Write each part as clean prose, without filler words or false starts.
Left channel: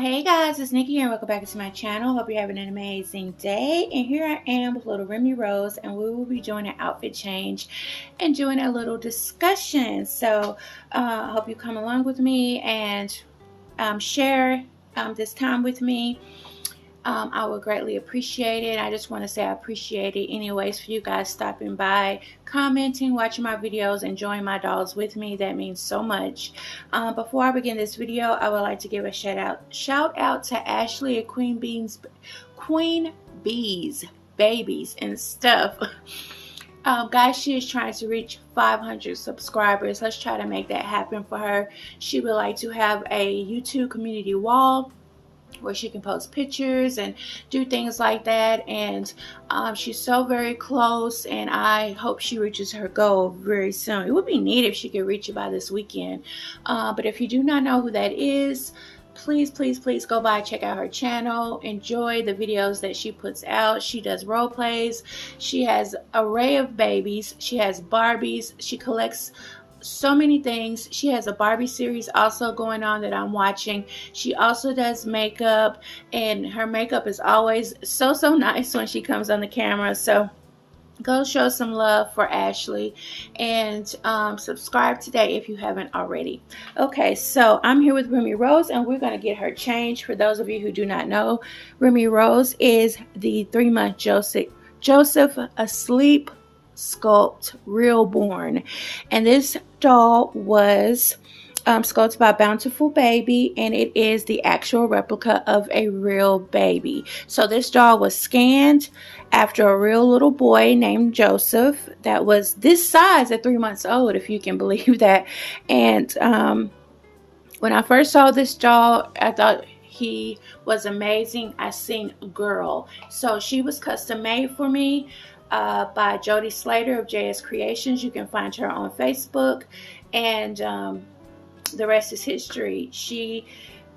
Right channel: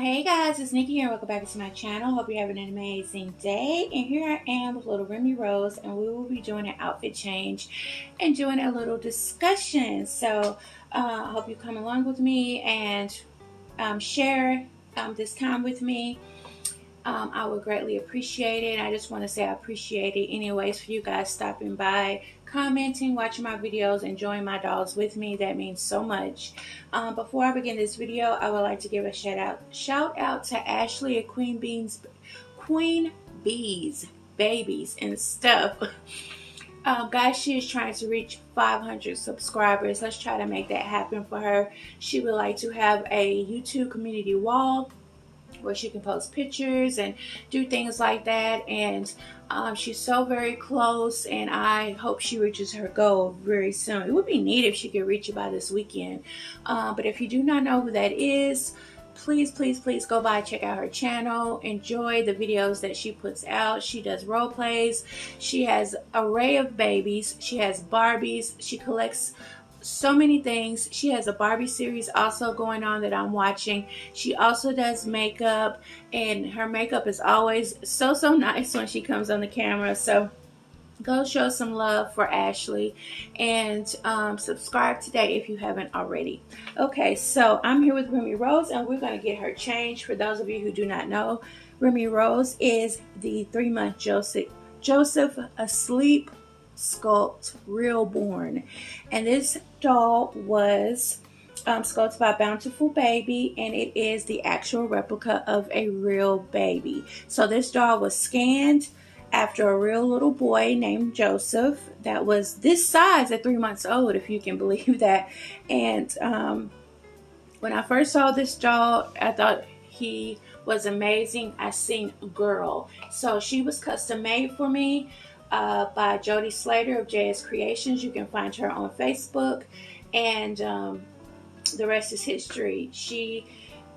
Hey guys, it's Nikki here and welcome back to my channel. Hope you're having an amazing day. And here I am with little Remy Rose, and we will be doing an outfit change and doing a little discussion. So I hope you come along with me and share this time with me. I would greatly appreciate it. I just want to say I appreciate it anyways for you guys stopping by, commenting, watching my videos, enjoying my dolls with me. That means so much. Before I begin this video, I would like to give a shout out to Ashley at Queen Bees Babies and Stuff. Guys, she is trying to reach 500 subscribers. Let's try to make that happen for her. She would like to have a YouTube community wall where she can post pictures and do things like that, and she's so very close, and I hope she reaches her goal very soon. It would be neat if she could reach it by this weekend, but if you do not know who that is, please go by, check out her channel, enjoy the videos that she puts out. She does role plays, she has an array of babies, she has Barbies, she collects so many things. She has a Barbie series also going on that I'm watching. She also does makeup, and her makeup is always so nice when she comes on the camera. So go show some love for Ashley, and subscribe today if you haven't already. Okay, so I'm here with Remy Rose, and we're going to get her changed. For those of you who do not know, Remy Rose is the 3-month Joseph asleep Sculpt Realborn, and this doll was sculpted by Bountiful Baby, and it is the actual replica of a real baby. So this doll was scanned after a real little boy named Joseph that was this size at 3 months old, if you can believe that. And when I first saw this doll, I thought he was amazing. I seen a girl, so she was custom made for me by Jody Slater of JS Creations. You can find her on Facebook, and the rest is history. She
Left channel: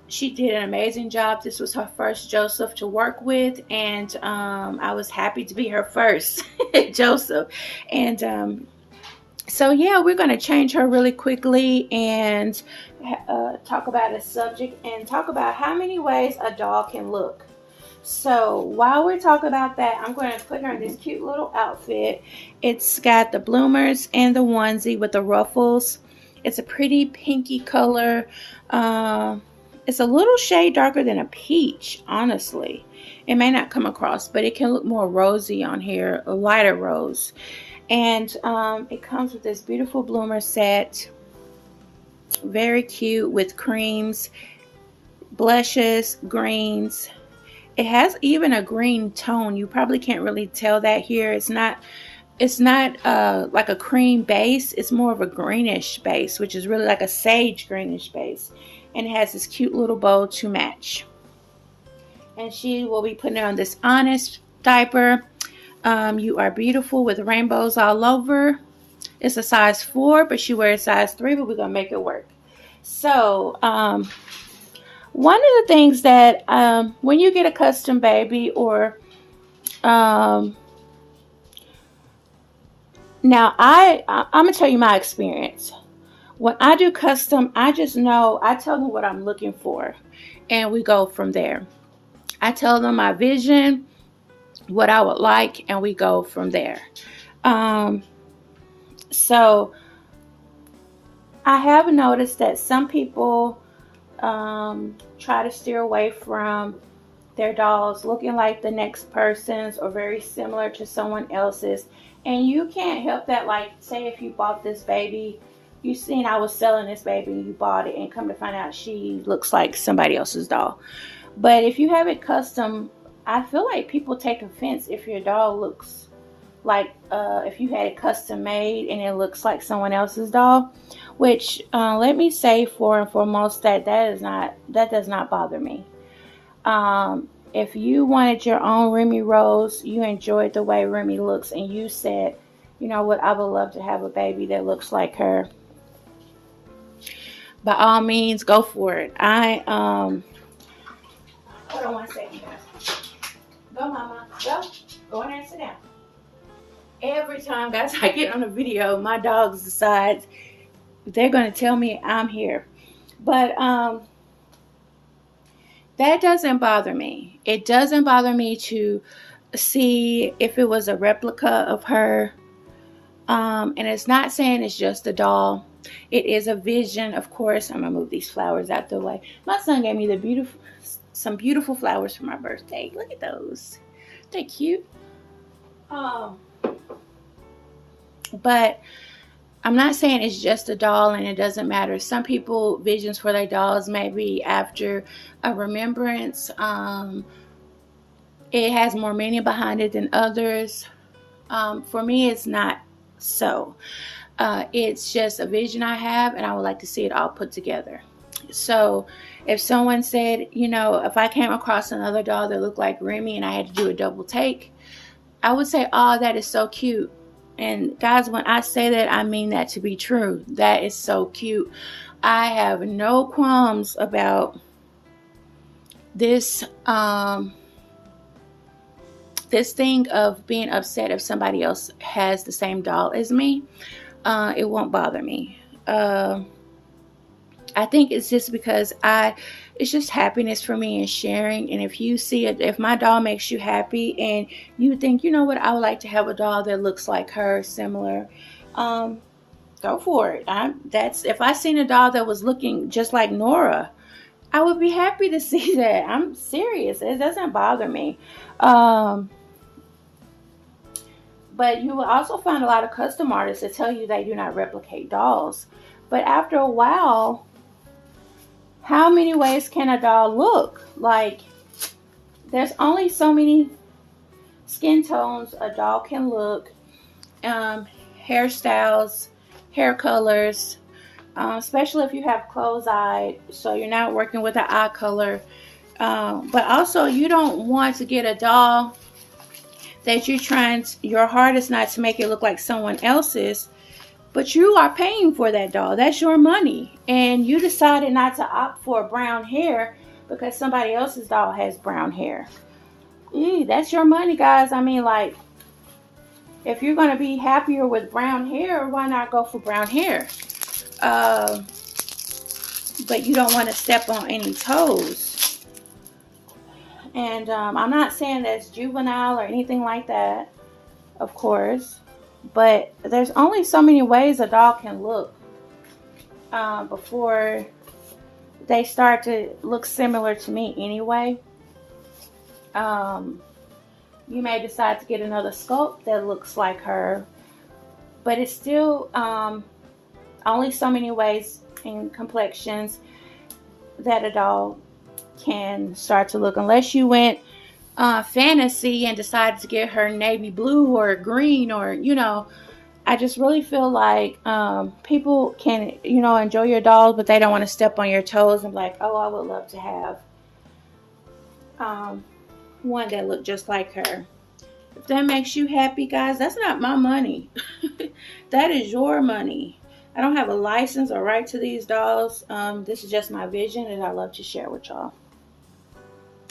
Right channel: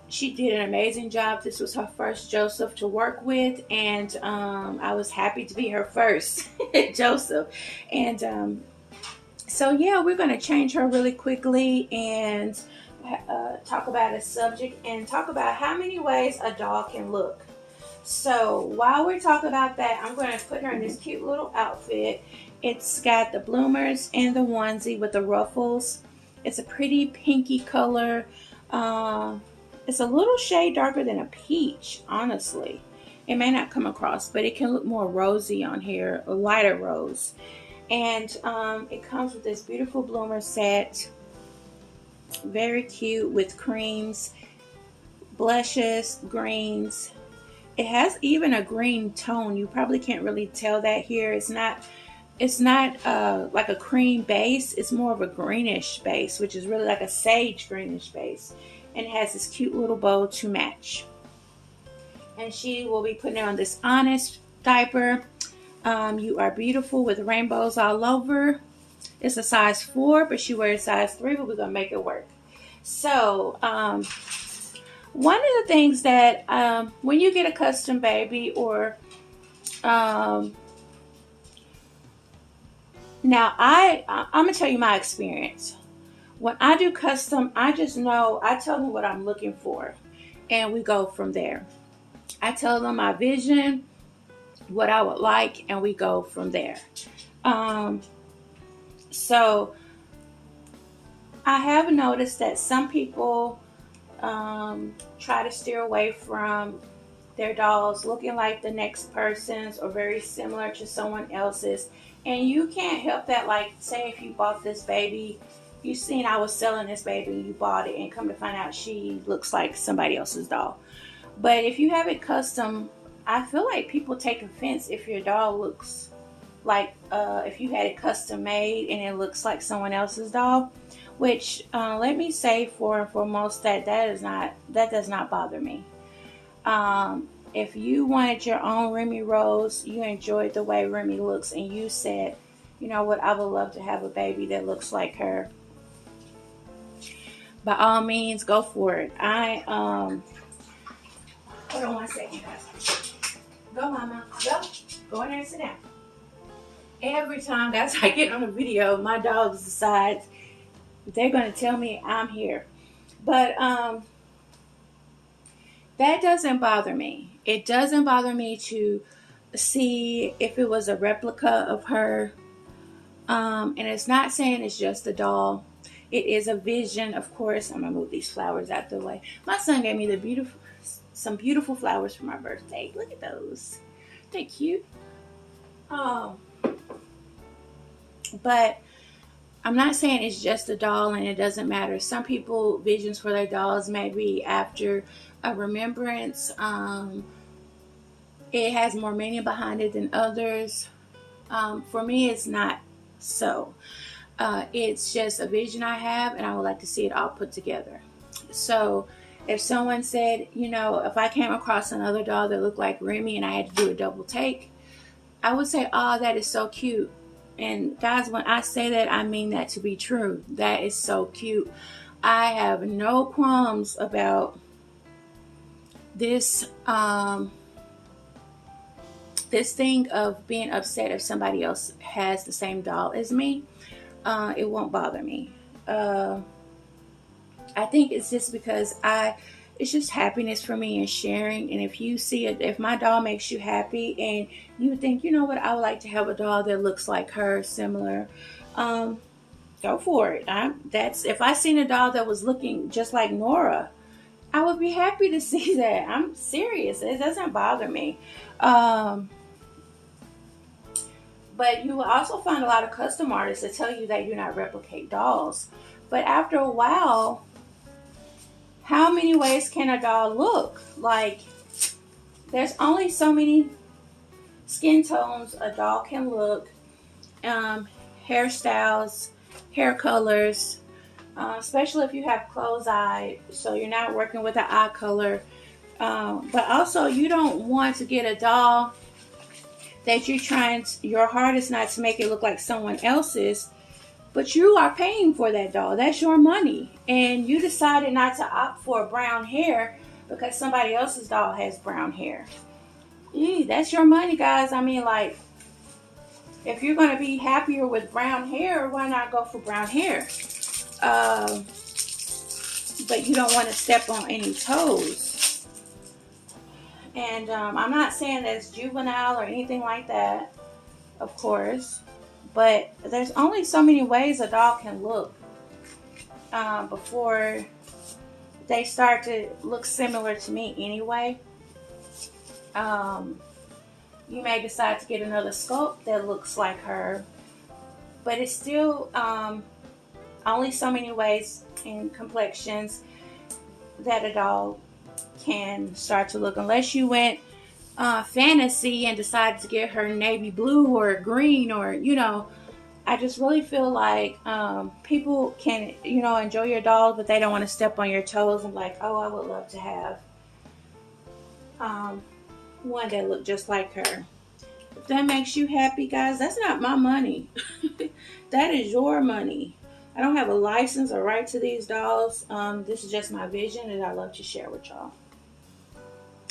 did an amazing job. This was her first Joseph to work with, and I was happy to be her first Joseph. And so yeah, we're going to change her really quickly and talk about a subject and talk about how many ways a doll can look. So while we're talking about that, I'm going to put her in this cute little outfit. It's got the bloomers and the onesie with the ruffles. It's a pretty pinky color. It's a little shade darker than a peach, honestly. It may not come across, but it can look more rosy on here, a lighter rose. And it comes with this beautiful bloomer set. Very cute with creams, blushes, greens. It has even a green tone. You probably can't really tell that here. It's not like a cream base. It's more of a greenish base, which is really like a sage greenish base. And it has this cute little bow to match. And she will be putting on this Honest diaper. You are beautiful with rainbows all over. It's a size 4, but she wears size 3, but we're going to make it work. So, one of the things that when you get a custom baby, or now I'm gonna tell you my experience. When I do custom, I just know, I tell them what I'm looking for, and we go from there. I tell them my vision, what I would like, and we go from there. So I have noticed that some people try to steer away from their dolls looking like the next person's or very similar to someone else's, and you can't help that. Like, say if you bought this baby, you seen I was selling this baby, you bought it, and come to find out she looks like somebody else's doll. But if you have it custom, I feel like people take offense if your doll looks like if you had it custom made and it looks like someone else's doll. Which let me say for and foremost that does not bother me. If you wanted your own Remy Rose, you enjoyed the way Remy looks, and you said, you know what, I would love to have a baby that looks like her, by all means, go for it. Hold on one second, guys. Go, mama. Go in there and sit down. Every time, guys, I get on a video, my dogs decide they're going to tell me I'm here. But that doesn't bother me. It doesn't bother me to see if it was a replica of her. And it's not saying it's just a doll. It is a vision, of course. I'm gonna move these flowers out the way. My son gave me some beautiful flowers for my birthday. Look at those. They're cute. But I'm not saying it's just a doll and it doesn't matter. Some people, visions for their dolls may be after a remembrance. It has more meaning behind it than others. For me, it's not so. It's just a vision I have, and I would like to see it all put together. So if someone said, you know, if I came across another doll that looked like Remy and I had to do a double take, I would say, oh, that is so cute. And guys, when I say that, I mean that to be true. That is so cute. I have no qualms about this this thing of being upset if somebody else has the same doll as me. It won't bother me. I think it's just because it's just happiness for me and sharing. And if you see it, if my doll makes you happy and you think, you know what, I would like to have a doll that looks like her, similar, go for it. If I seen a doll that was looking just like Nora, I would be happy to see that. I'm serious. It doesn't bother me. But you will also find a lot of custom artists that tell you that you not replicate dolls. But after a while, how many ways can a doll look? Like, there's only so many skin tones a doll can look. Hairstyles, hair colors, especially if you have closed eye, so you're not working with an eye color. But also, you don't want to get a doll that your heart is not to make it look like someone else's, but you are paying for that doll. That's your money. And you decided not to opt for brown hair because somebody else's doll has brown hair. That's your money, guys. I mean, like, if you're going to be happier with brown hair, why not go for brown hair? But you don't want to step on any toes. And I'm not saying that's juvenile or anything like that, of course. But there's only so many ways a doll can look before they start to look similar to me anyway. You may decide to get another sculpt that looks like her, but it's still only so many ways and complexions that a doll can start to look, unless you went fantasy and decided to get her navy blue or green, or, you know, I just really feel like people can, you know, enjoy your dolls, but they don't want to step on your toes and be like, oh, I would love to have one that looked just like her. If that makes you happy, guys, that's not my money. That is your money. I don't have a license or right to these dolls. This is just my vision, and I love to share with y'all.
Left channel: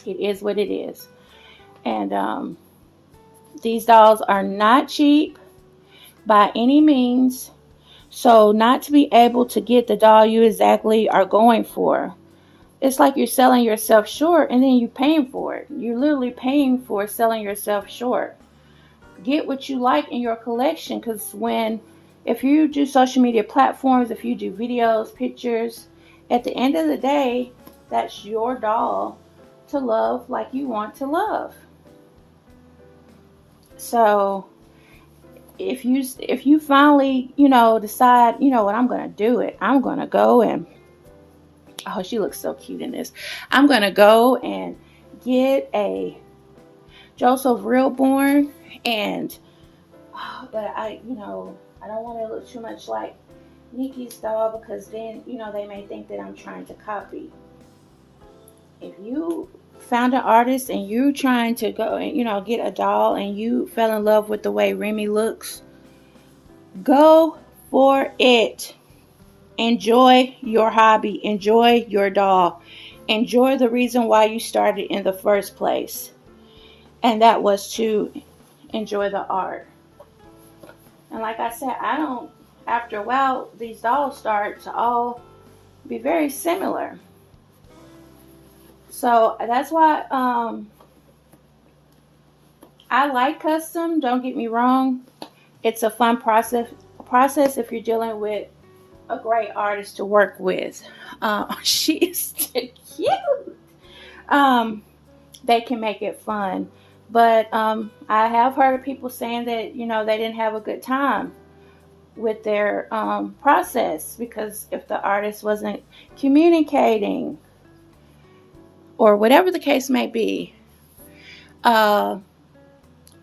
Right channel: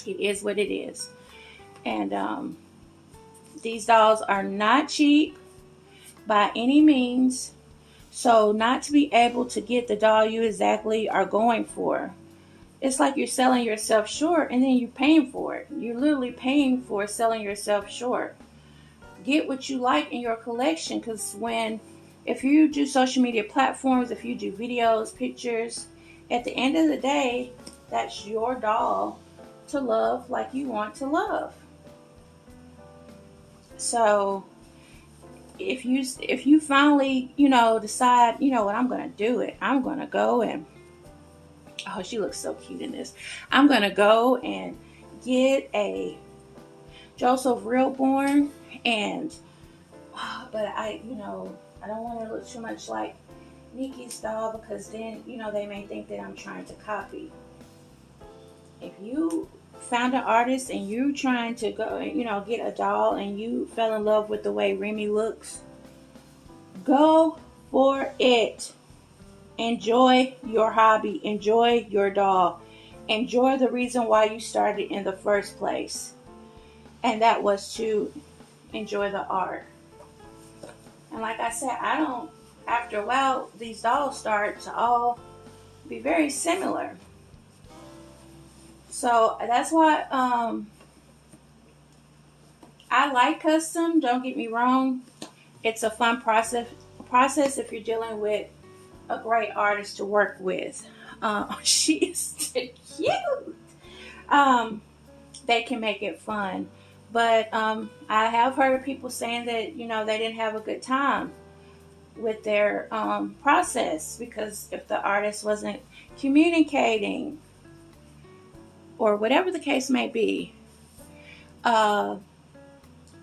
It is what it is. And these dolls are not cheap by any means. So not to be able to get the doll you exactly are going for, it's like you're selling yourself short and then you're paying for it. You're literally paying for selling yourself short. Get what you like in your collection, because if you do social media platforms, if you do videos, pictures, at the end of the day, that's your doll to love like you want to love. So if you finally, you know, decide, you know what, I'm going to do it. I'm going to go and, oh, she looks so cute in this. I'm going to go and get a Joseph Reelborn, and, but I don't want to look too much like Nikki's doll, because then, you know, they may think that I'm trying to copy. If you found an artist and you're trying to go and, you know, get a doll and you fell in love with the way Remy looks, go for it. Enjoy your hobby. Enjoy your doll. Enjoy the reason why you started in the first place. And that was to enjoy the art. And like I said, after a while, these dolls start to all be very similar. So that's why I like custom. Don't get me wrong. It's a fun process if you're dealing with a great artist to work with. She is too cute. They can make it fun. But I have heard people saying that, you know, they didn't have a good time with their process because if the artist wasn't communicating or whatever the case may be,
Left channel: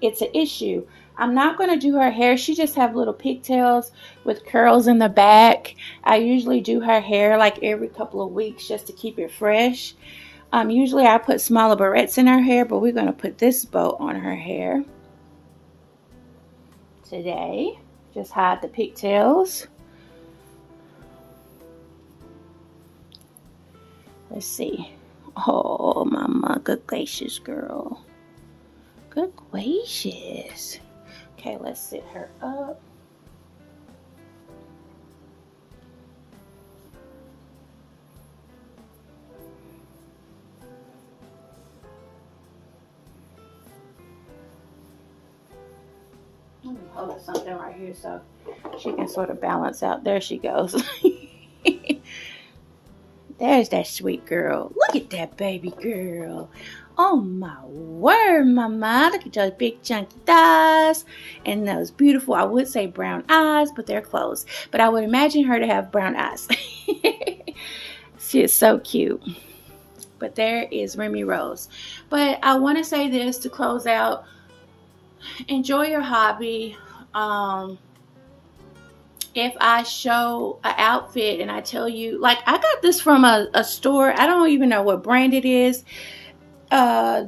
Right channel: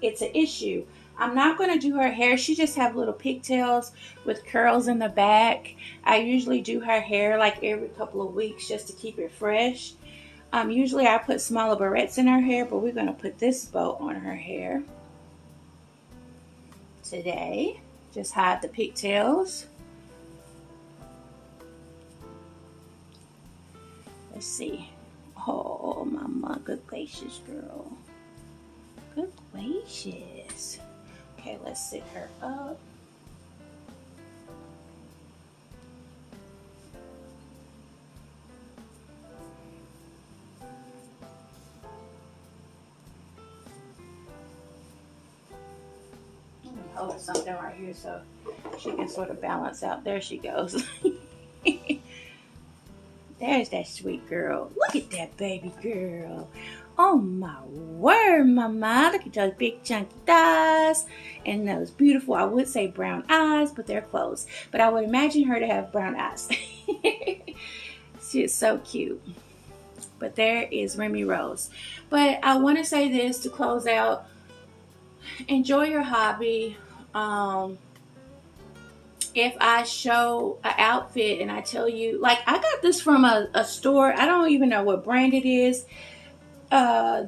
it's an issue. I'm not going to do her hair. She just have little pigtails with curls in the back. I usually do her hair like every couple of weeks just to keep it fresh. Usually I put smaller barrettes in her hair, but we're going to put this bow on her hair today. Just hide the pigtails. Let's see. Oh, mama, good gracious, girl. Good gracious. Okay, let's sit her up. Hold something right here so she can sort of balance out. There she goes. There's that sweet girl. Look at that baby girl. Oh my word, mama. Look at those big chunky thighs and those beautiful, I would say brown eyes, but they're closed. But I would imagine her to have brown eyes. She is so cute. But there is Remy Rose. But I want to say this to close out. Enjoy your hobby. If I show an outfit and I tell you, like I got this from a store, I don't even know what brand it is.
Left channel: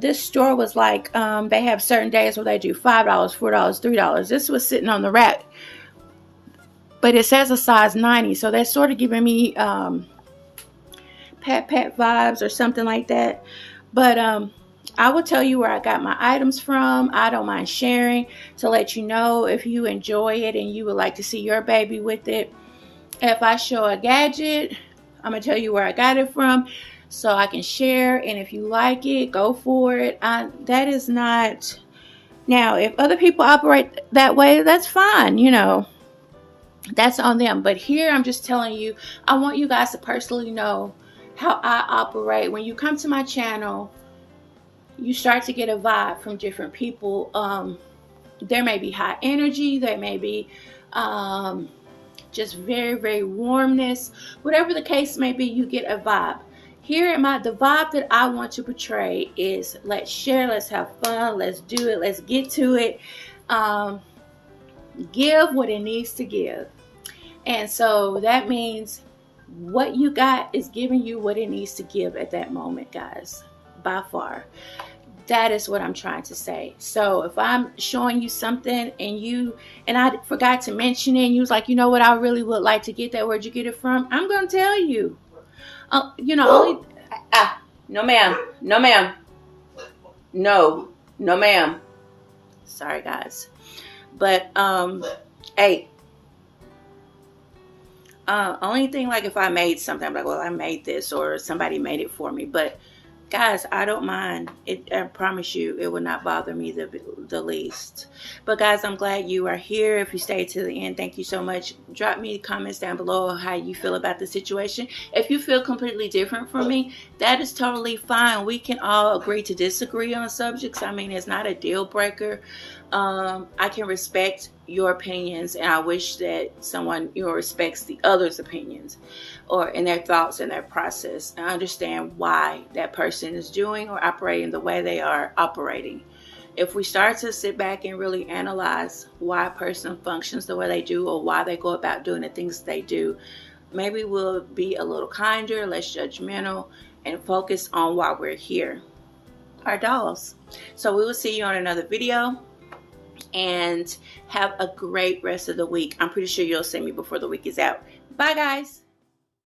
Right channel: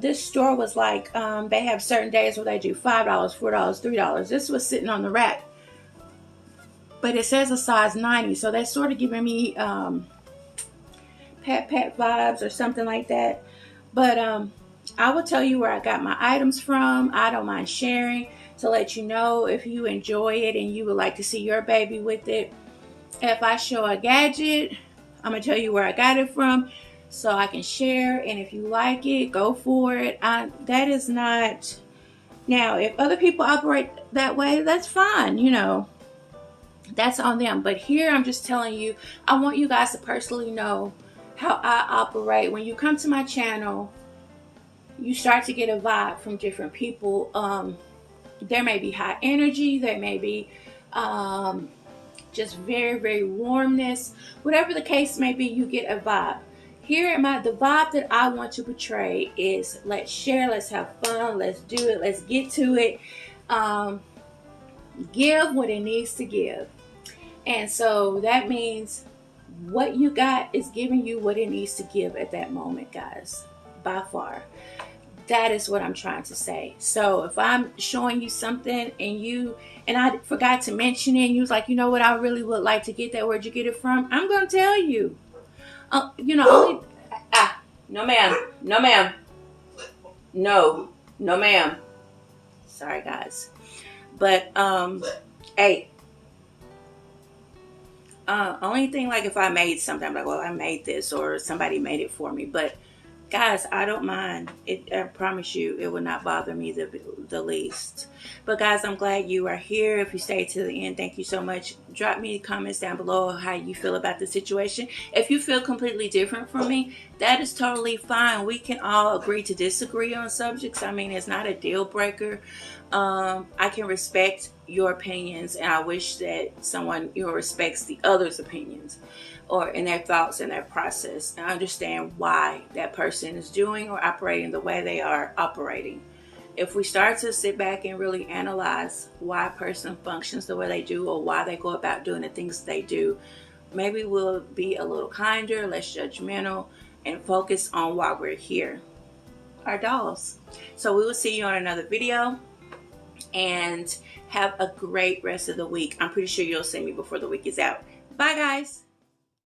This store was like, they have certain days where they do $5, $4, $3. This was sitting on the rack, but it says a size 90, so that's sort of giving me Pat vibes or something like that. But I will tell you where I got my items from. I don't mind sharing to let you know if you enjoy it and you would like to see your baby with it. If I show a gadget, I'm going to tell you where I got it from so I can share. And if you like it, go for it. That is not... Now, if other people operate that way, that's fine, you know. That's on them. But here, I'm just telling you, I want you guys to personally know how I operate. When you come to my channel, you start to get a vibe from different people. There may be high energy. There may be just very, very warmness. Whatever the case may be, you get a vibe. Here, the vibe that I want to portray is let's share, let's have fun, let's do it, let's get to it. Give what it needs to give. And so that means what you got is giving you what it needs to give at that moment, guys, by far. That is what I'm trying to say. So if I'm showing you something and I forgot to mention it and you was like, you know what, I really would like to get that, where'd you get it from? I'm going to tell you. You know, no ma'am, no ma'am, no ma'am. Sorry guys. But, hey, only thing, like if I made something, I'm like, well, I made this or somebody made it for me. But guys, I don't mind. I promise you, it will not bother me the least. But guys, I'm glad you are here. If you stayed to the end, thank you so much. Drop me comments down below how you feel about the situation. If you feel completely different from me, that is totally fine. We can all agree to disagree on subjects. I mean, it's not a deal breaker. I can respect your opinions, and I wish that someone, you know, respects the other's opinions or in their thoughts and their process, and understand why that person is doing or operating the way they are operating. If we start to sit back and really analyze why a person functions the way they do or why they go about doing the things they do, maybe we'll be a little kinder, less judgmental, and focus on why we're here, our dolls. So we will see you on another video, and have a great rest of the week. I'm pretty sure you'll see me before the week is out. Bye guys.